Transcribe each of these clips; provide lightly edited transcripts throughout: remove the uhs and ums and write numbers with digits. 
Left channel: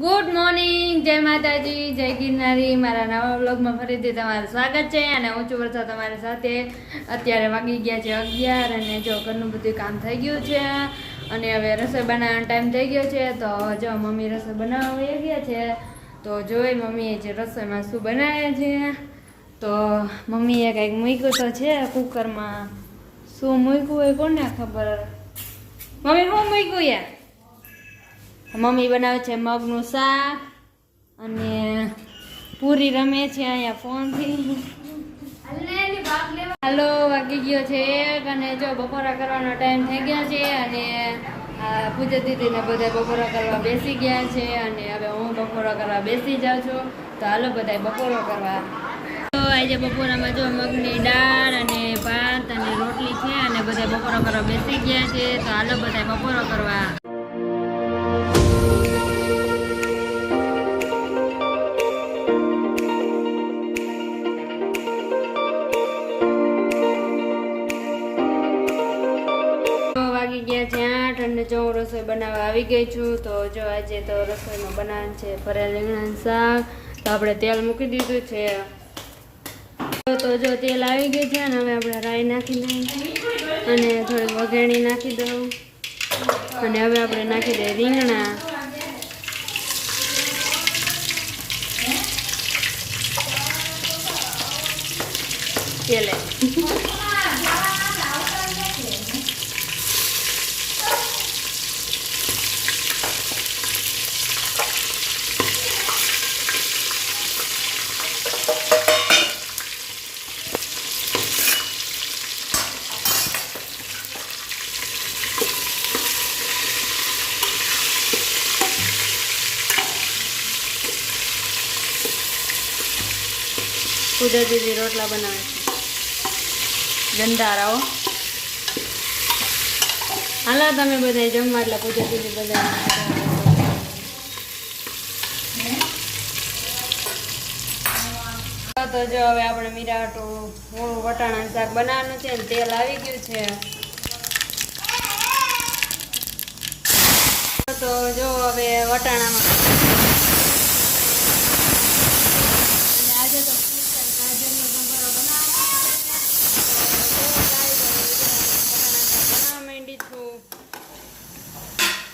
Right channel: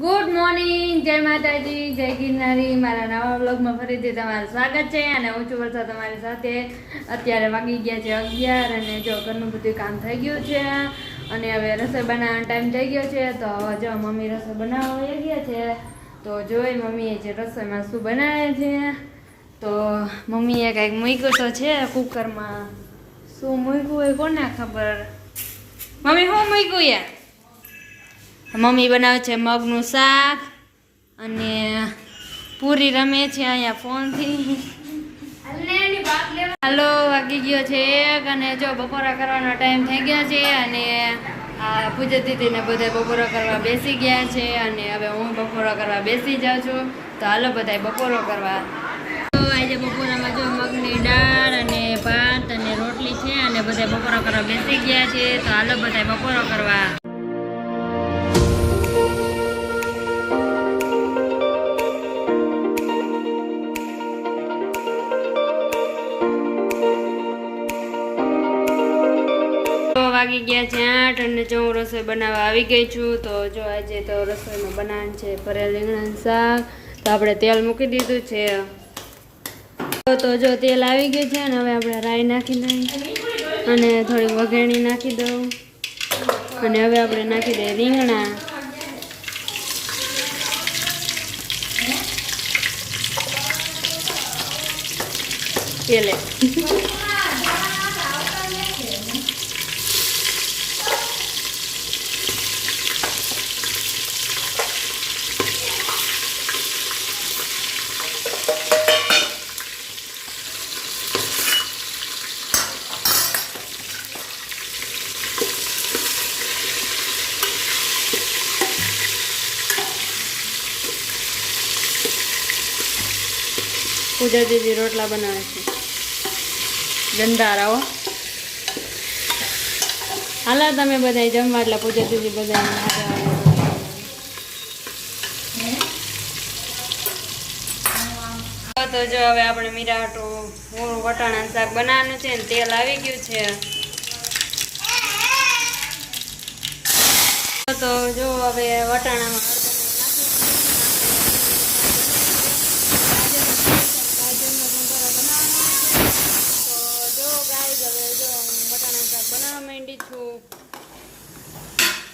Good morning, જય માતાજી, જય ગિરનારી. મારા નવા વ્લોગમાં ફરીથી તમારું સ્વાગત છે અને હું છું વર્ષા તમારી સાથે. અત્યારે વાગી ગયા છે 11 અને જો ઘરનું બધું કામ થઈ ગયું છે અને હવે રસોઈ બનાવવાનો ટાઈમ થઈ ગયો છે. તો જો મમ્મી રસોઈ બનાવવા વહી ગયા છે. તો જોઈ મમ્મીએ જે રસોઈમાં શું બનાવે છે. તો મમ્મીએ કંઈક મૂક્યું તો છે કુકરમાં. શું મૂક્યું હોય કોને ખબર. મમ્મી શું મૂક્યું યાર? મમ્મી બનાવે છે મગનું શાક અને પૂરી રમે છે અહીંયા ફોનથી. હાલો વાગી ગયો છે 1 અને જો બપોરા કરવાનો ટાઈમ થઈ ગયો છે અને આ પૂજા દીદીને બધા બપોરા કરવા બેસી ગયા છે અને હવે હું બપોરા કરવા બેસી જાઉં છું. તો હાલો બધા બપોરો કરવા. તો આજે બપોરામાં જો મગની દાળ અને ભાત અને રોટલી છે અને બધા બપોરા કરવા બેસી ગયા છે. તો હાલો બધા બપોરો કરવા. વાગી ગયા છે 8 અને જો હું રસોઈ બનાવવા આવી ગઈ છું. તો જો આજે તો રસોઈમાં બનાવવાનું છે ભરેલ રીંગણાનું શાક. તો આપણે તેલ મૂકી દીધું છે. તો જો તેલ આવી ગયું છે અને હવે આપણે રાઈ નાખી દઉં અને થોડી વઘાણી નાખી દઉં અને હવે આપણે નાખી દઈએ રીંગણા. તેલે પૂજા દીદી રોટલા બનાવે છે ગંધારાઓ. હાલા તમે બધા જમવા એટલે પૂજા દીદી બધા. તો જો હવે આપણે મીરાટું વટાણાનું શાક બનાવવાનું છે ને તેલ આવી ગયું છે. તો જો હવે વટાણામાં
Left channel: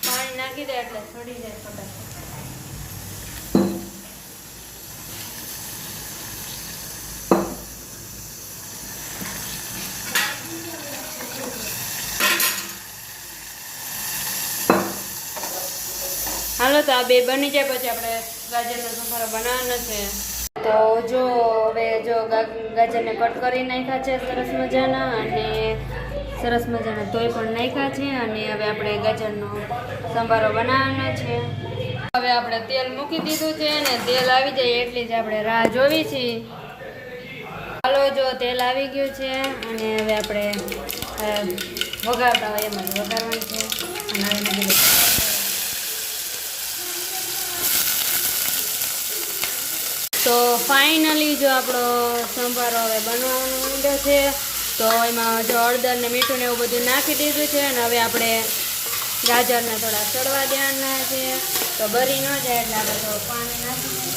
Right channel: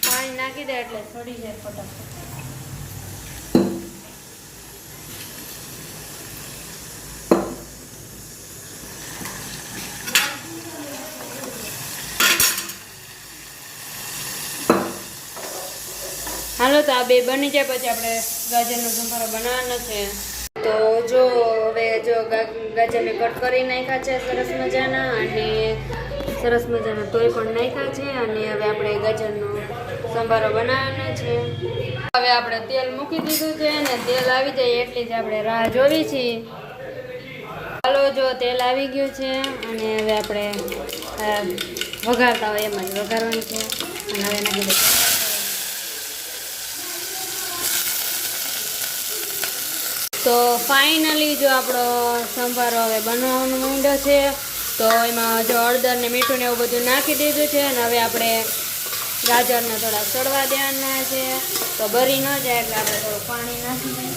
પાણી નાખી દે એટલે છોડી જાય ફટાફટ. હાલો તો આ બે બની જાય પછી આપણે ગાજરનો સંભારો બનાવવાનો છે. તો જો હવે જો ગાજરને કટ કરી નાખ્યા છે સરસ મજાના અને સરસ મજાના તોય પણ નાખ્યા છે અને હવે આપણે ગાજરનો સંભારો બનાવવાનો છે. હવે આપણે તેલ મૂકી દીધું છે અને તેલ આવી જાય એટલી જ આપણે રાહ જોવી છે. હાલો જો તેલ આવી ગયું છે અને હવે આપણે વઘારતા હોય એમાં જ વઘારવાનું છે અને હવે નાખી દઈએ. તો ફાઇનલી જો આપણો સંભારો હવે બનવાનો માંડ્યો છે. તો એમાં જો હળદર ને મીઠું ને એવું બધું નાખી દીધું છે અને હવે આપણે ગાજરને થોડા સડવા દેવાના છે. તો ભરી ન જાય એટલે આપણે થોડું પાણી નાખી દઈએ.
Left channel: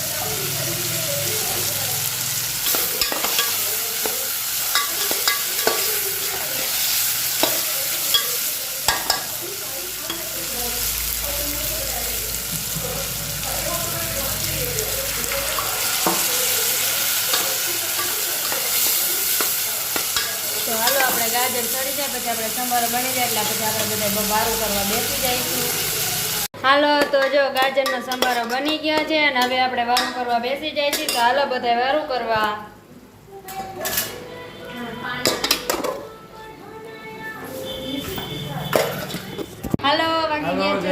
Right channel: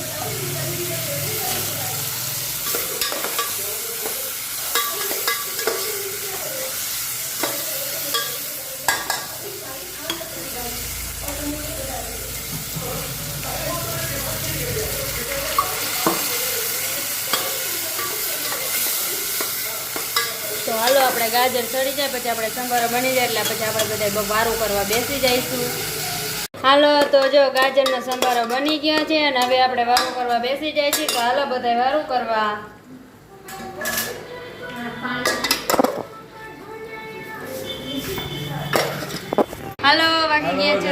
તો હાલો આપણે ગાજર ચડી જાય પછી આપણે સંભારો બની જાય એટલે પછી આપણે બધા વારું કરવા બેસી જઈશું. હાલો તો જો ગાજરનો સંભારો બની ગયો છે અને હવે આપણે વારું કરવા બેસી જાય છે. તો હાલો બધા વારું કરવા. હાલો વાગી ગયા છે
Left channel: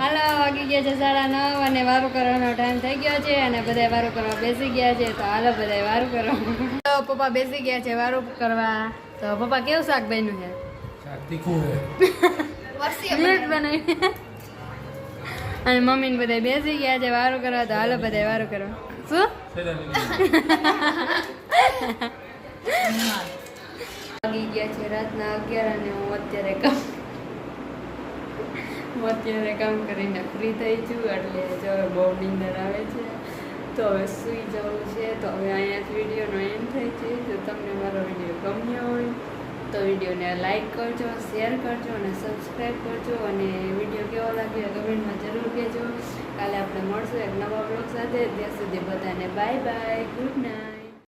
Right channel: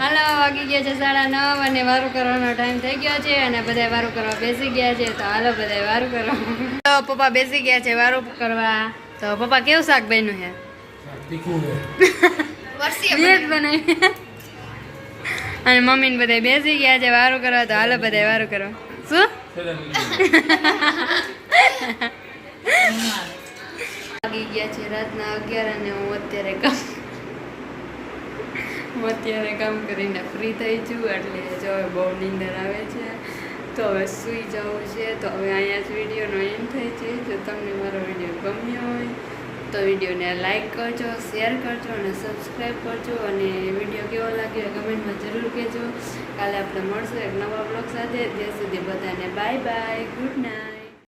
હાલો વાગી ગયા છે 9:30 અને વારું કરવાનો ટાઈમ થઈ ગયો છે અને બધા વારું કરવા બેસી ગયા છે. તો હાલો બધા વારું કરવા. પપ્પા બેસી ગયા છે વારું કરવા. તો પપ્પા કેવું શાક બન્યું છે? અને મમ્મી ને બધા બેસી ગયા છે વારું કરવા. તો હાલો બધા વારું કરવા. શું વાગી ગયા છે રાતના 11 અને હું અત્યારે હું અત્યારે કામ કરીને ફ્રી થઈ છું એટલે જો હવે બહુ નીંદર આવે છે તો હવે સૂઈ જવું છે. તો હવે અહીંયા જ વિડીયોનો એન્ડ થઈ છે. જો તમને મારો વિડીયો ગમ્યો હોય તો વિડીયોને લાઈક કરજો, શેર કરજો અને સબસ્ક્રાઈબ કરજો. અને વિડીયો કેવો લાગ્યો કમેન્ટમાં જરૂર કહેજો. કાલે આપણે મળશું એક નવા બ્લોગ સાથે. ત્યાં સુધી બધાને બાય બાય, ગુડ નાઇટ.